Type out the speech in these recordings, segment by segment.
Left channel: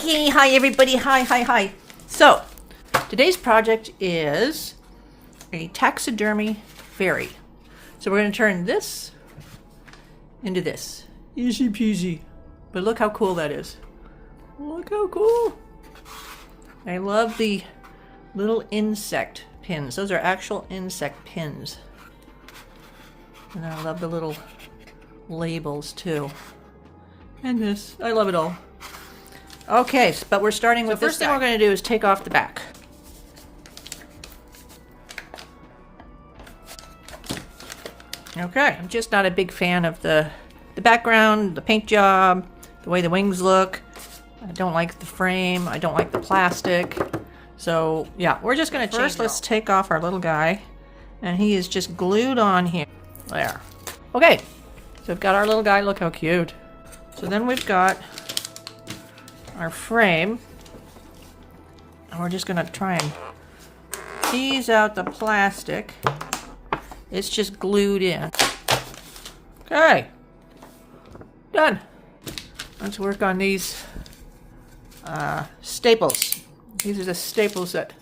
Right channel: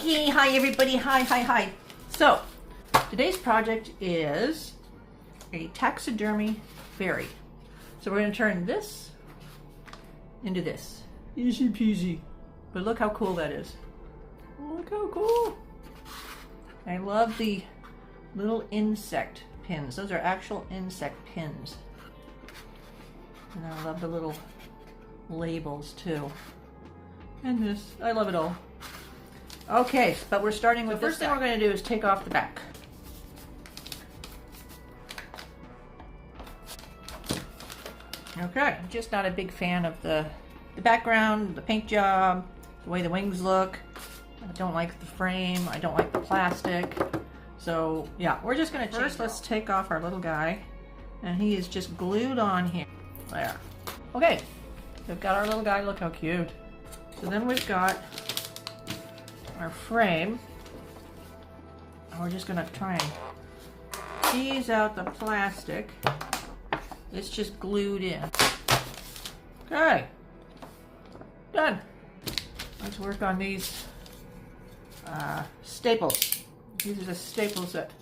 Okay, hi everybody, hi. So, today's project is a taxidermy fairy. So we're going to turn this into this. Easy peasy. But look how cool that is. Look how cool. I love the little insect pins. Those are actual insect pins. And I love the little labels too. And this, I love it all. Okay, but we're starting with this. First thing we're going to do is take off the back. Okay, I'm just not a big fan of the background, the paint job, the way the wings look. I don't like the frame. I don't like the plastic. So yeah, we're just going to first let's take off our little guy, and he is just glued on here. There. Okay, so we've got our little guy. Look how cute. So then we've got our frame, and we're just going to try and tease out the plastic. It's just glued in. Okay, done. Let's work on these staples. These are the staples that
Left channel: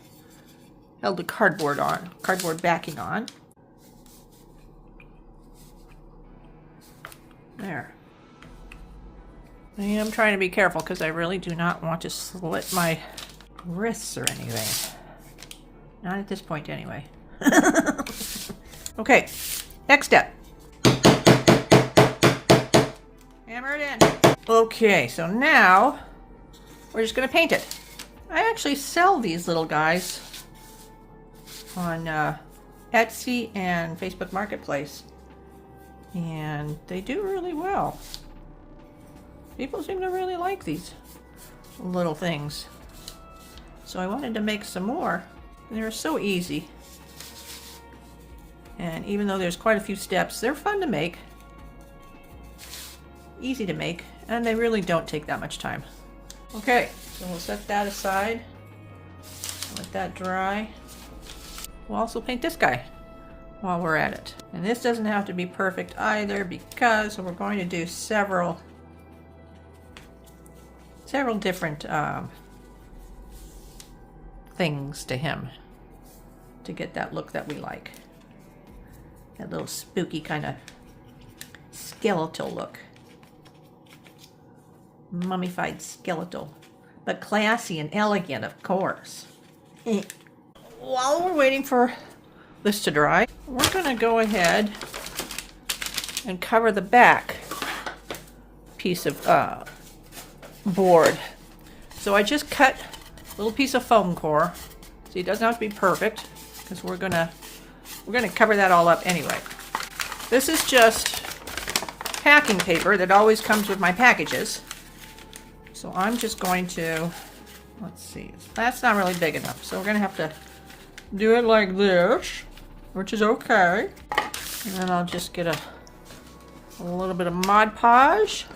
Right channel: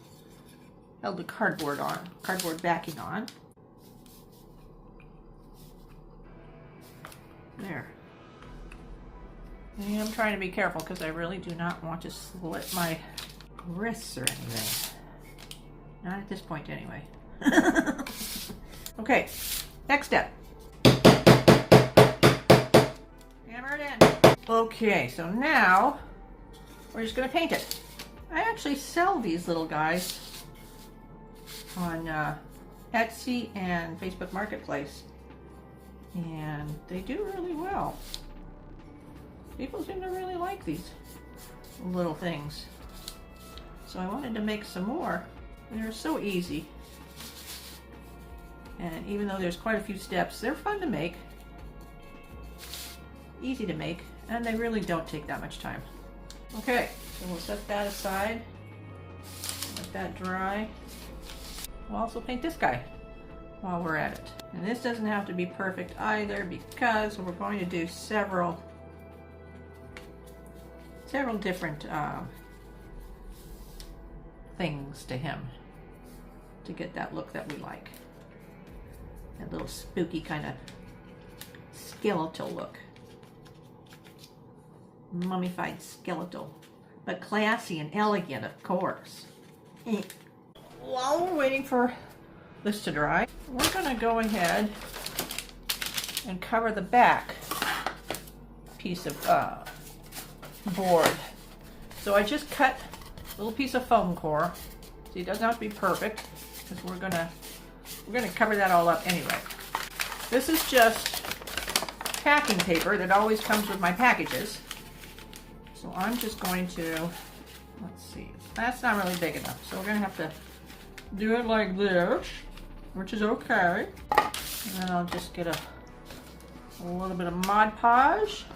held the cardboard backing on. There. I am trying to be careful because I really do not want to slit my wrists or anything. Not at this point anyway. Okay, next step. Hammer it in. Okay, so now we're just going to paint it. I actually sell these little guys on Etsy and Facebook Marketplace, and they do really well. People seem to really like these little things. So I wanted to make some more. They're so easy. And even though there's quite a few steps, they're fun to make. Easy to make, and they really don't take that much time. Okay, so we'll set that aside. Let that dry. We'll also paint this guy while we're at it. And this doesn't have to be perfect either, because we're going to do several different things to him to get that look that we like. That little spooky kind of skeletal look. Mummified skeletal. But classy and elegant, of course. While we're waiting for this to dry, we're going to go ahead and cover the back piece of board. So I just cut a little piece of foam core. See, it doesn't have to be perfect because we're gonna cover that all up anyway. This is just packing paper that always comes with my packages. So I'm just going to, let's see, that's not really big enough. So we're gonna have to do it like this, which is okay. And then I'll just get a little bit of Mod Podge.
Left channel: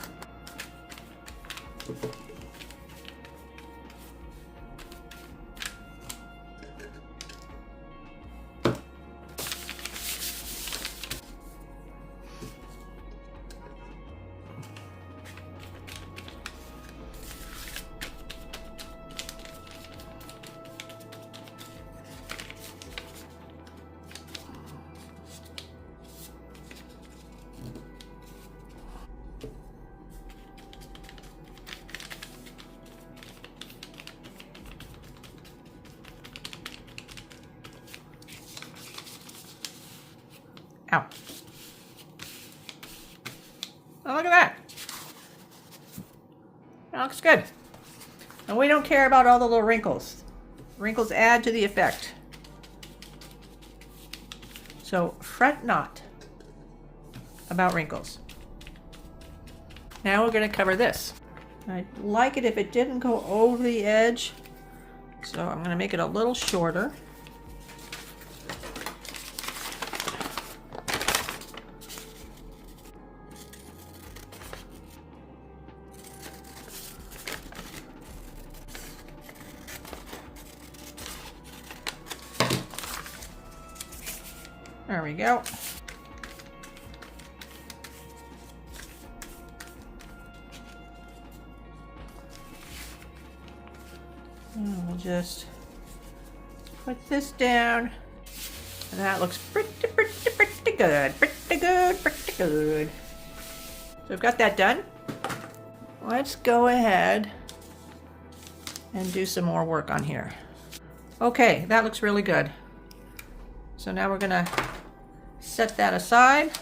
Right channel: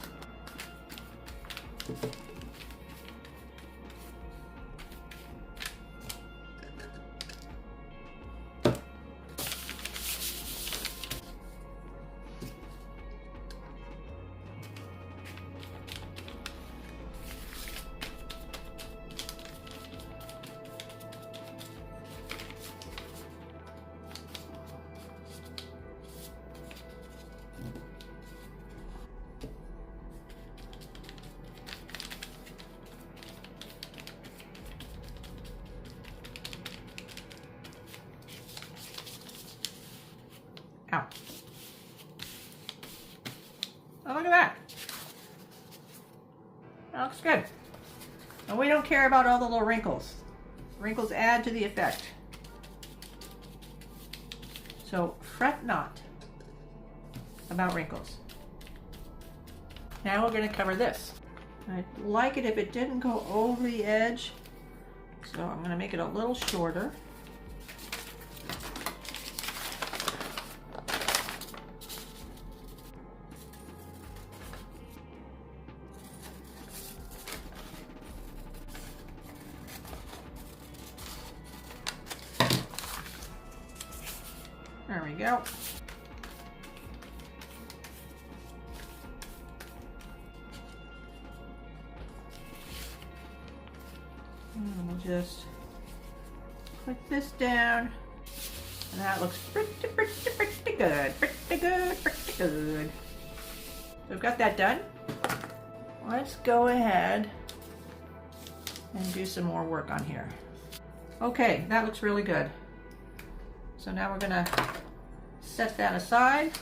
Ow. Oh, look at that. That looks good. And we don't care about all the little wrinkles. Wrinkles add to the effect. So fret not about wrinkles. Now we're going to cover this. I'd like it if it didn't go over the edge. So I'm going to make it a little shorter. There we go. And we'll just put this down. And that looks pretty good, pretty good. So I've got that done. Let's go ahead and do some more work on here. Okay, that looks really good. So now we're gonna set that aside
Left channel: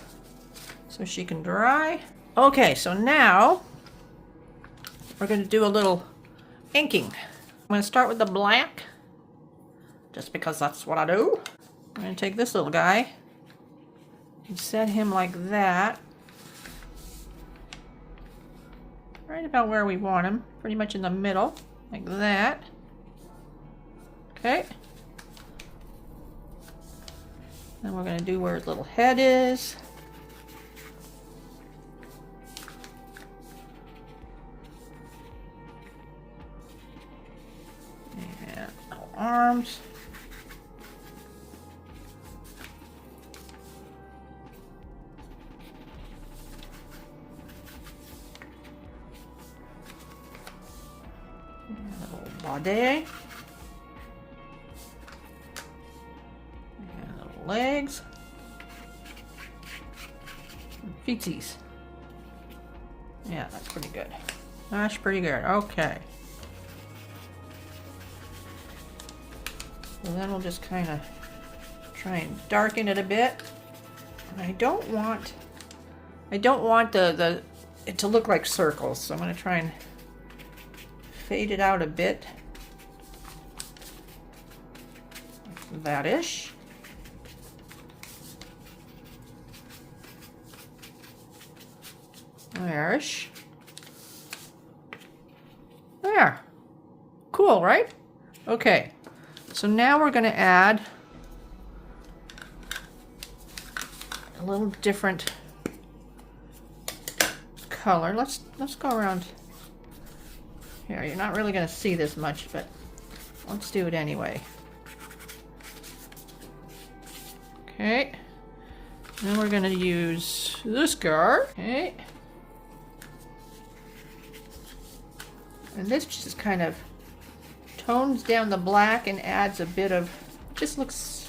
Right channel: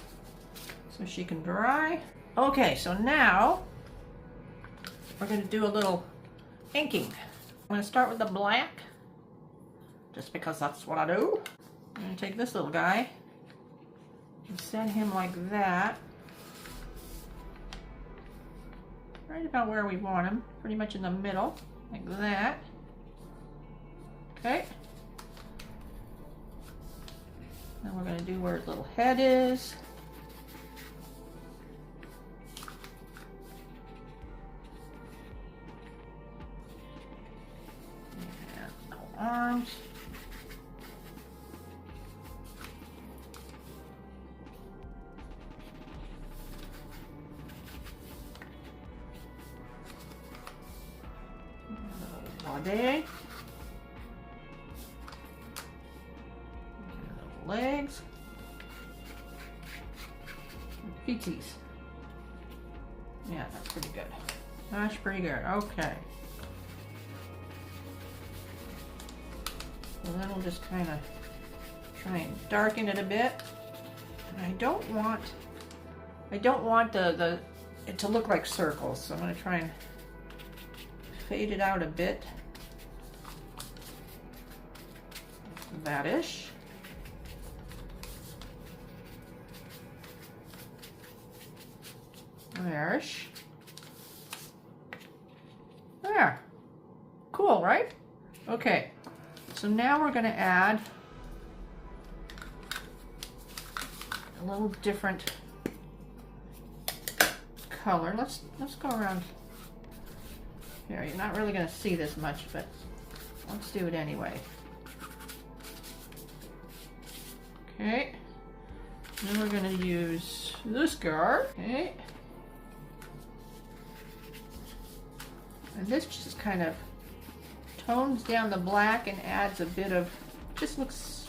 so she can dry. Okay, so now we're gonna do a little inking. I'm gonna start with the black, just because that's what I do. I'm gonna take this little guy and set him like that. Right about where we want him, pretty much in the middle, like that. Okay. Then we're going to do where his little head is. And little arms. Body. Legs. Feetsies. Yeah, that's pretty good. That's pretty good. Okay. So then we'll just kind of try and darken it a bit. And I don't want it to look like circles, so I'm going to try and fade it out a bit. Like that-ish. There-ish. There. Cool, right? Okay. So now we're going to add a little different color. Let's go around here. You're not really going to see this much, but let's do it anyway. Okay. Then we're going to use this guard. Okay. And this just kind of tones down the black and adds a bit of, just looks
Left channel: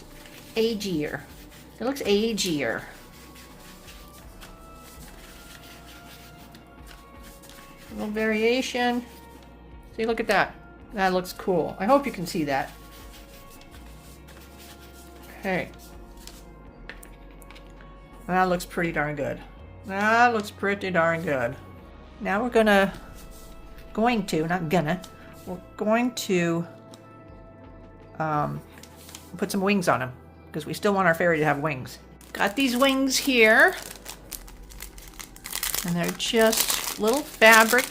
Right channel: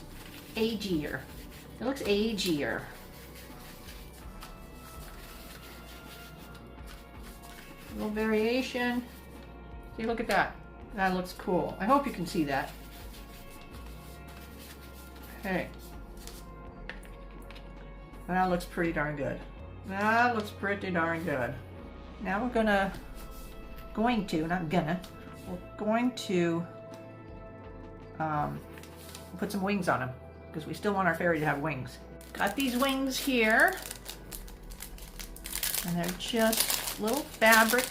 agier. It looks agier. A little variation. See, look at that. That looks cool. I hope you can see that. Okay. That looks pretty darn good. That looks pretty darn good. Now we're gonna, we're going to put some wings on him, because we still want our fairy to have wings. Got these wings here, and they're just little fabric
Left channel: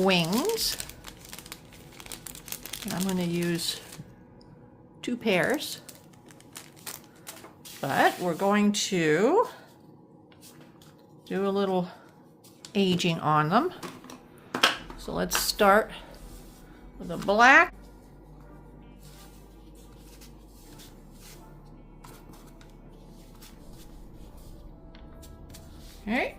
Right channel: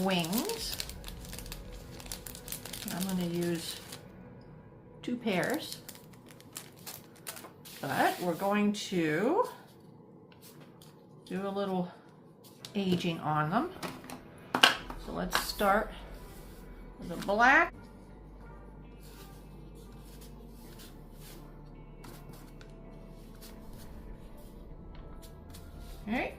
wings. And I'm going to use 2 pairs, but we're going to do a little aging on them. So let's start with the black. Okay.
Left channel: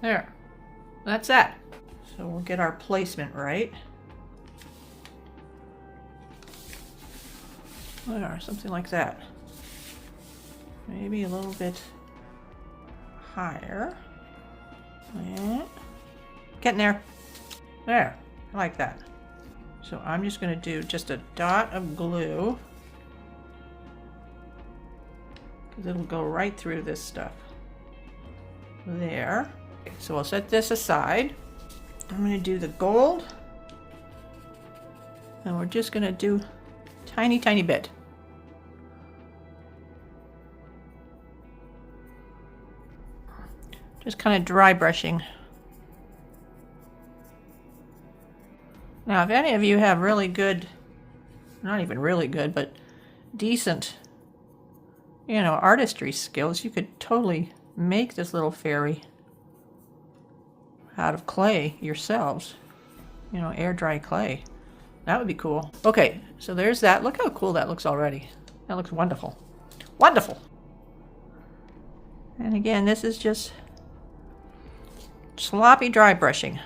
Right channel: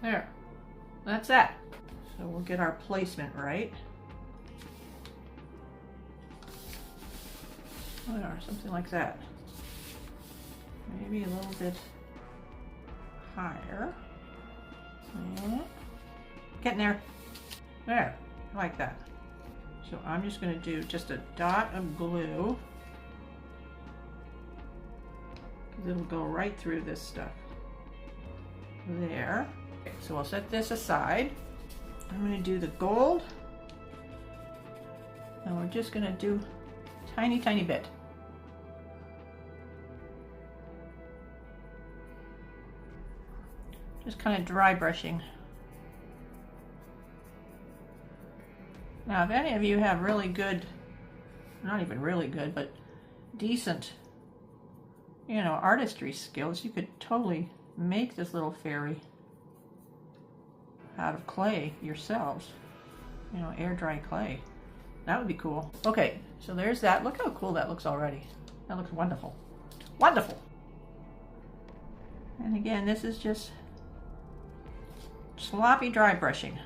There. That's that. So we'll get our placement right. There, something like that. Maybe a little bit higher. Yeah. Getting there. There. I like that. So I'm just going to do just a dot of glue, because it'll go right through this stuff. There. Okay, so we'll set this aside. I'm going to do the gold, and we're just going to do tiny, tiny bit. Just kind of dry brushing. Now, if any of you have really good, not even really good, but decent, you know, artistry skills, you could totally make this little fairy out of clay yourselves. You know, air dry clay. That would be cool. Okay, so there's that. Look how cool that looks already. That looks wonderful. Wonderful. And again, this is just sloppy dry brushing.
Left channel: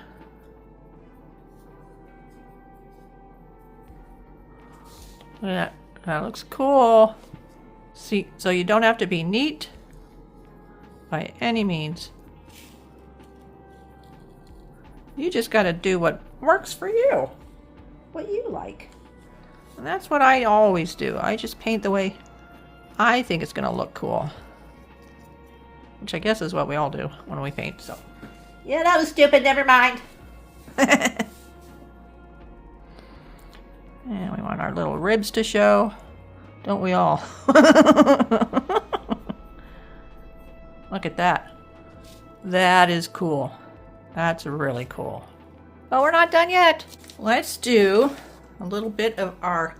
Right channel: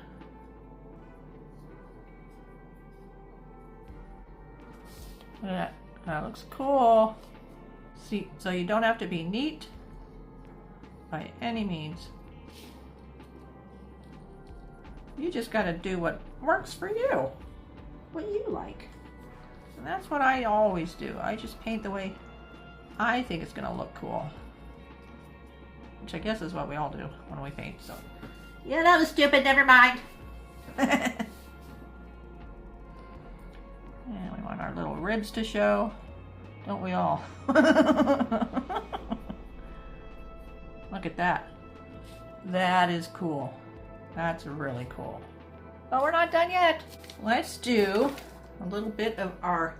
Yeah, that looks cool. See, so you don't have to be neat by any means. You just got to do what works for you, what you like. And that's what I always do. I just paint the way I think it's going to look cool. Which I guess is what we all do when we paint, so. Yeah, that was stupid, never mind. And we want our little ribs to show. Don't we all? Look at that. That is cool. That's really cool. But we're not done yet. Let's do a little bit of our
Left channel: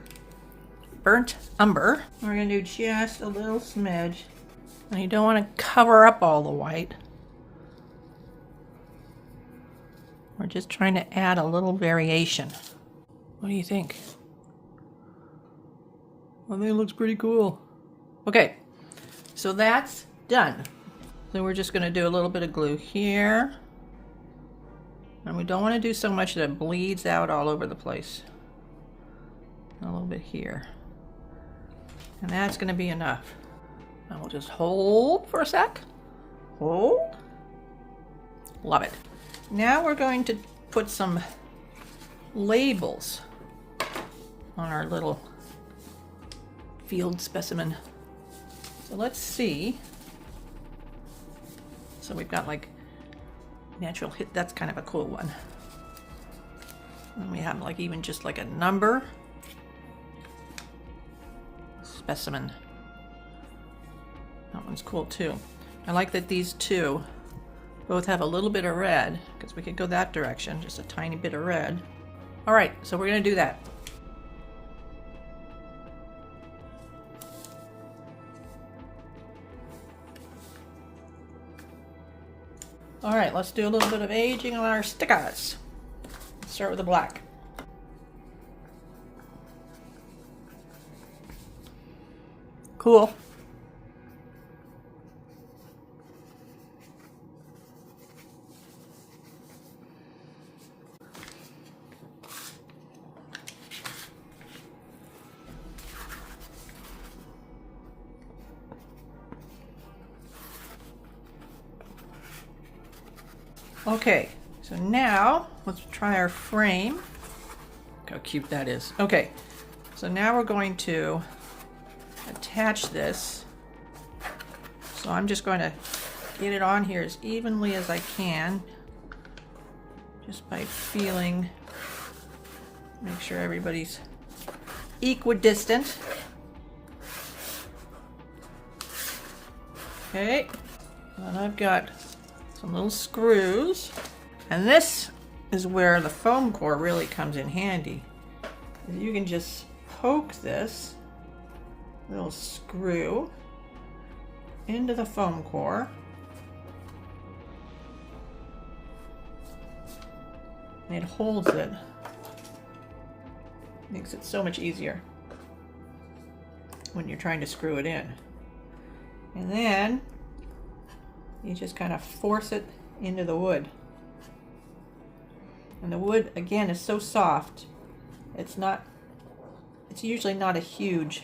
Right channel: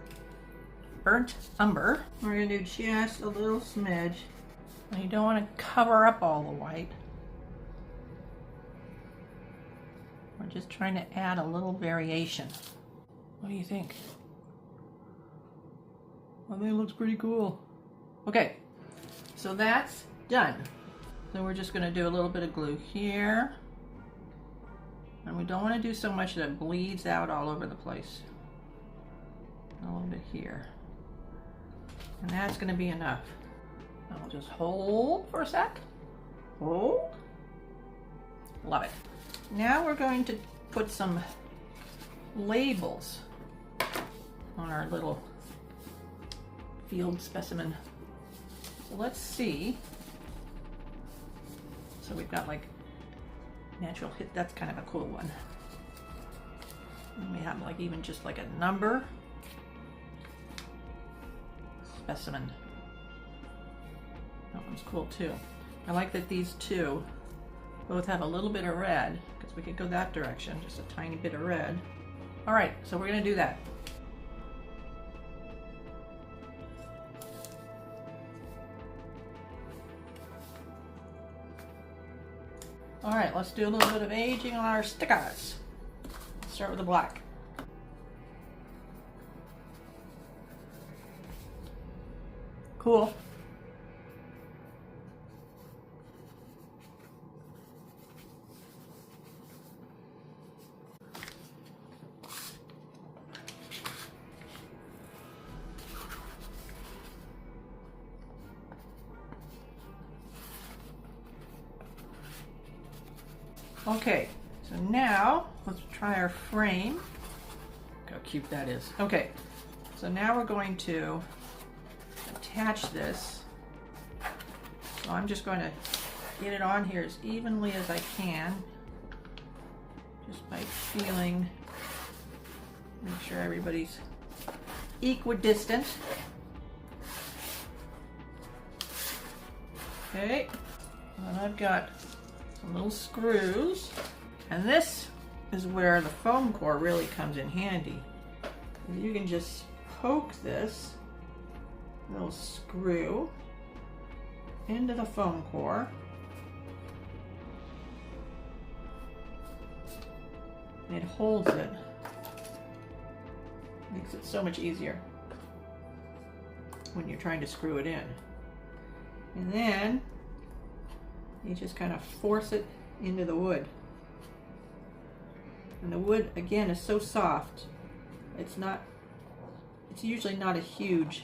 burnt umber. We're gonna do just a little smidge. And you don't want to cover up all the white. We're just trying to add a little variation. What do you think? I think it looks pretty cool. Okay, so that's done. So we're just gonna do a little bit of glue here. And we don't want to do so much that it bleeds out all over the place. A little bit here. And that's going to be enough. And we'll just hold for a sec. Hold. Love it. Now we're going to put some labels on our little field specimen. So let's see. So we've got like natural hit, that's kind of a cool one. And we have like even just like a number. Specimen. That one's cool too. I like that these two both have a little bit of red because we could go that direction, just a tiny bit of red. All right, so we're gonna do that. All right, let's do a little bit of aging on our stickers. Let's start with the black. Cool. Okay, so now let's try our frame. Look how cute that is. Okay, so now we're going to attach this. So I'm just going to get it on here as evenly as I can, just by feeling, make sure everybody's equidistant. Okay, and I've got some little screws, and this is where the foam core really comes in handy. You can just poke this little screw into the foam core, and it holds it. Makes it so much easier when you're trying to screw it in. And then you just kind of force it into the wood. And the wood, again, is so soft. It's usually not a huge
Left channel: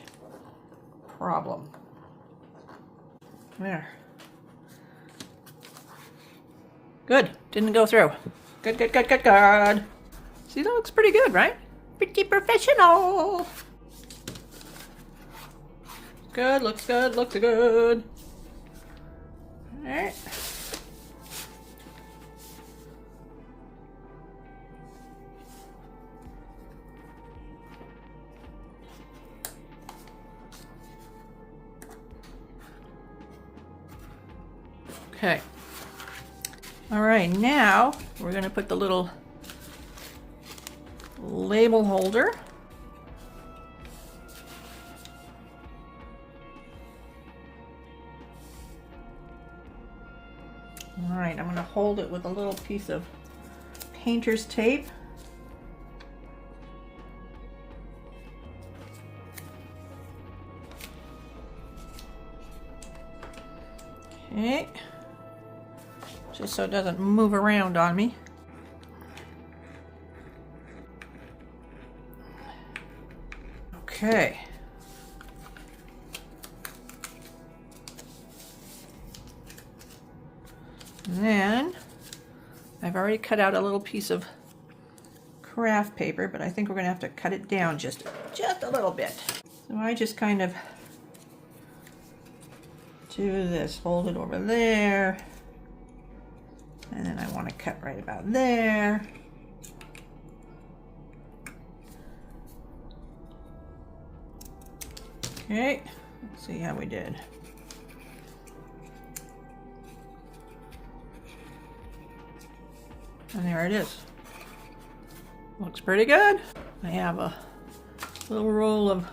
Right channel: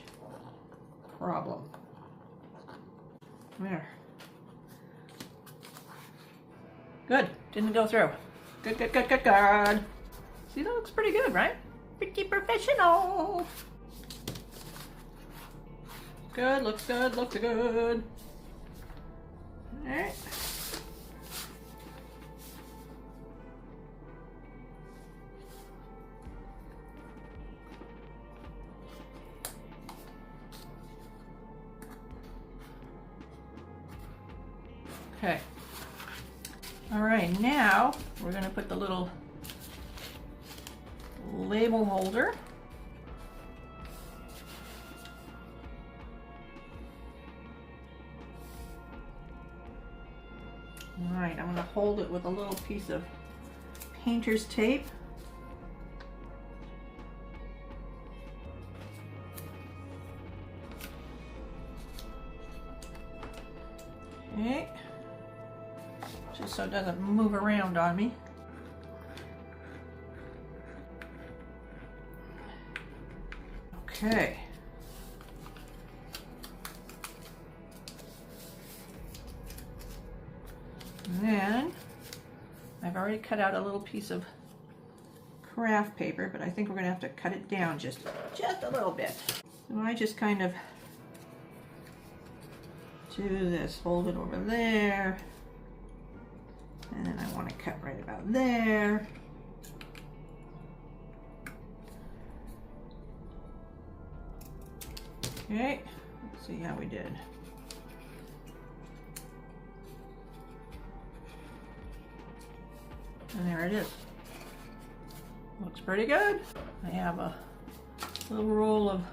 problem. There. Good, didn't go through. Good, good, good, good, good. See, that looks pretty good, right? Pretty professional. Good, looks good, looks good. All right. Okay. All right, now we're going to put the little label holder. All right, I'm going to hold it with a little piece of painter's tape. Okay. Just so it doesn't move around on me. Okay. And then I've already cut out a little piece of craft paper, but I think we're going to have to cut it down just a little bit. So I just kind of do this, hold it over there, and then I want to cut right about there. Okay, let's see how we did. And there it is. Looks pretty good. I have a little roll of,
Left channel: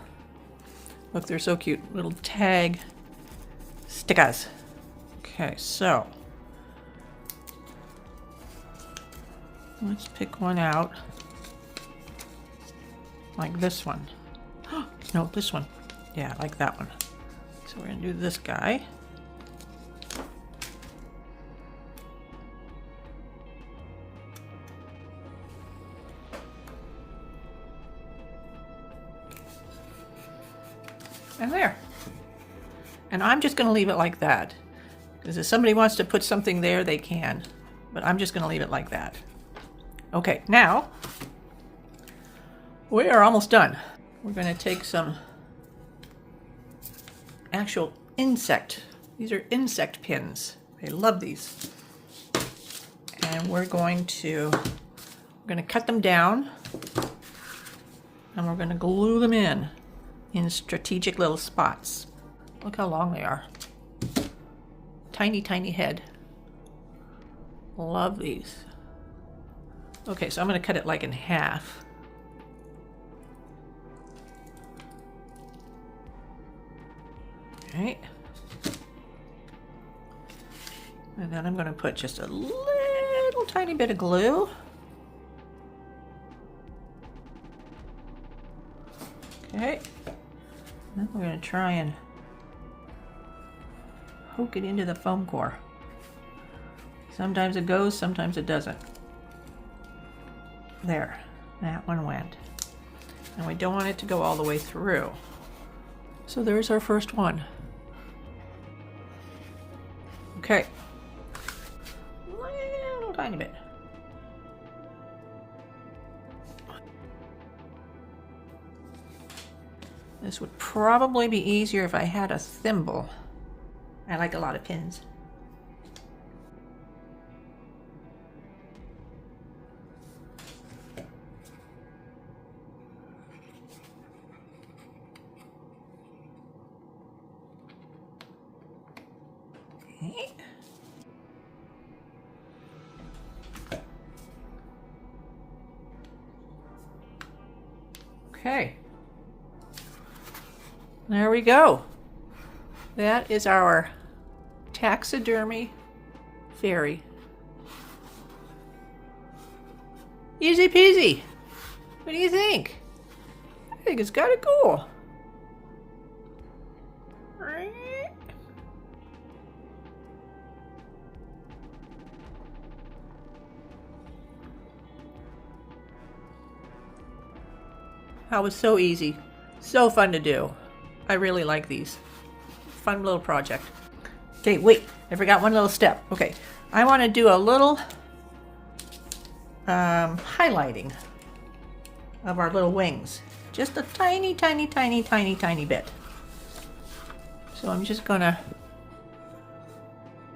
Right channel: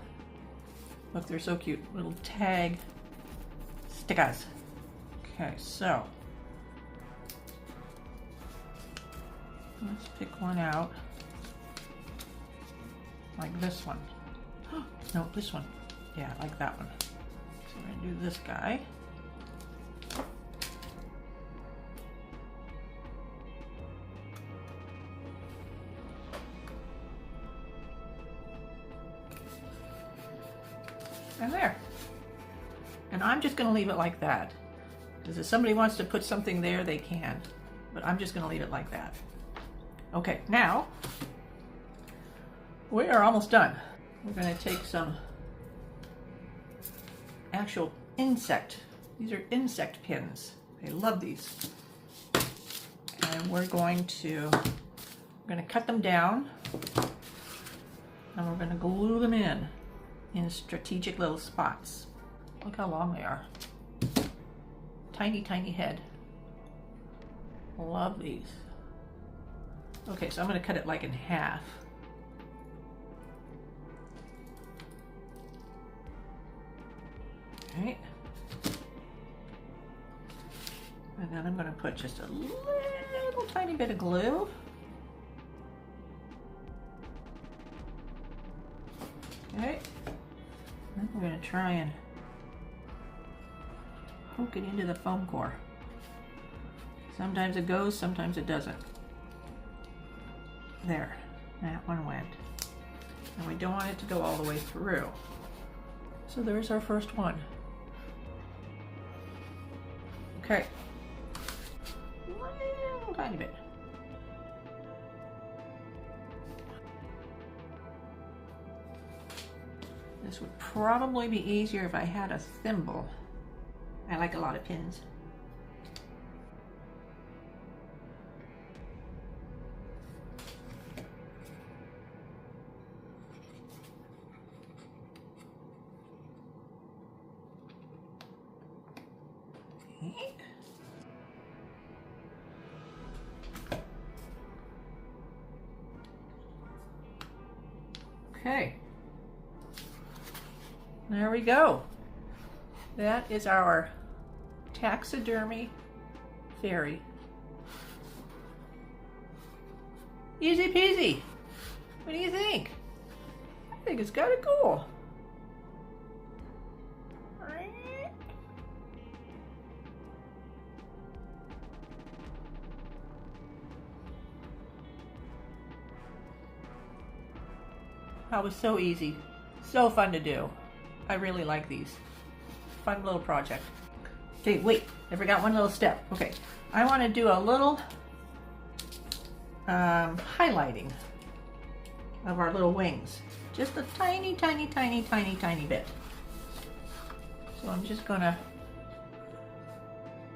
look, they're so cute, little tag stickers. Okay, so let's pick one out, like this one. No, this one. Yeah, like that one. So we're gonna do this guy. And there. And I'm just going to leave it like that. Because if somebody wants to put something there, they can. But I'm just going to leave it like that. Okay, now we are almost done. We're going to take some actual insect. These are insect pins. I love these. And we're going to cut them down. And we're going to glue them in strategic little spots. Look how long they are. Tiny, tiny head. Love these. Okay, so I'm going to cut it like in half. Okay. And then I'm going to put just a little tiny bit of glue. Okay. Then we're going to try and poke it into the foam core. Sometimes it goes, sometimes it doesn't. There, that one went. And we don't want it to go all the way through. So there's our first one. Okay. Little tiny bit. This would probably be easier if I had a thimble. I like a lot of pins. Okay. Okay. There we go. That is our Taxidermy Fairy. Easy peasy. What do you think? I think it's kind of cool. That was so easy. So fun to do. I really like these. Fun little project. Okay, wait, I forgot one little step. Okay, I want to do a little highlighting of our little wings. Just a tiny, tiny, tiny, tiny, tiny bit. So I'm just gonna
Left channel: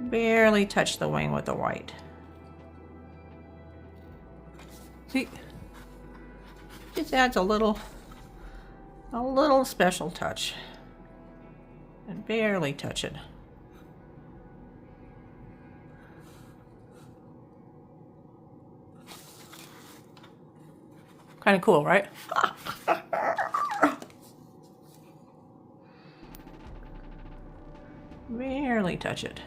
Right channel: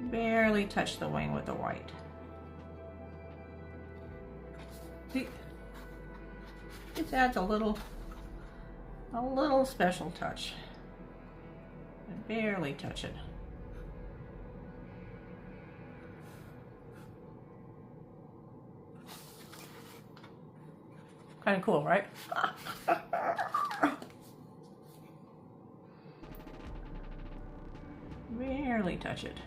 barely touch the wing with the white. See? Just adds a little special touch. And barely touch it. Kind of cool, right? Barely touch it.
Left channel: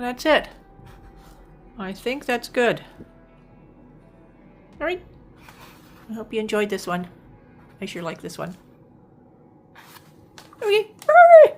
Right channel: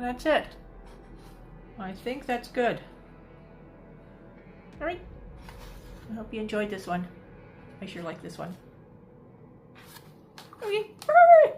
And that's it. I think that's good. All right. I hope you enjoyed this one. I sure like this one. Okay. Bye.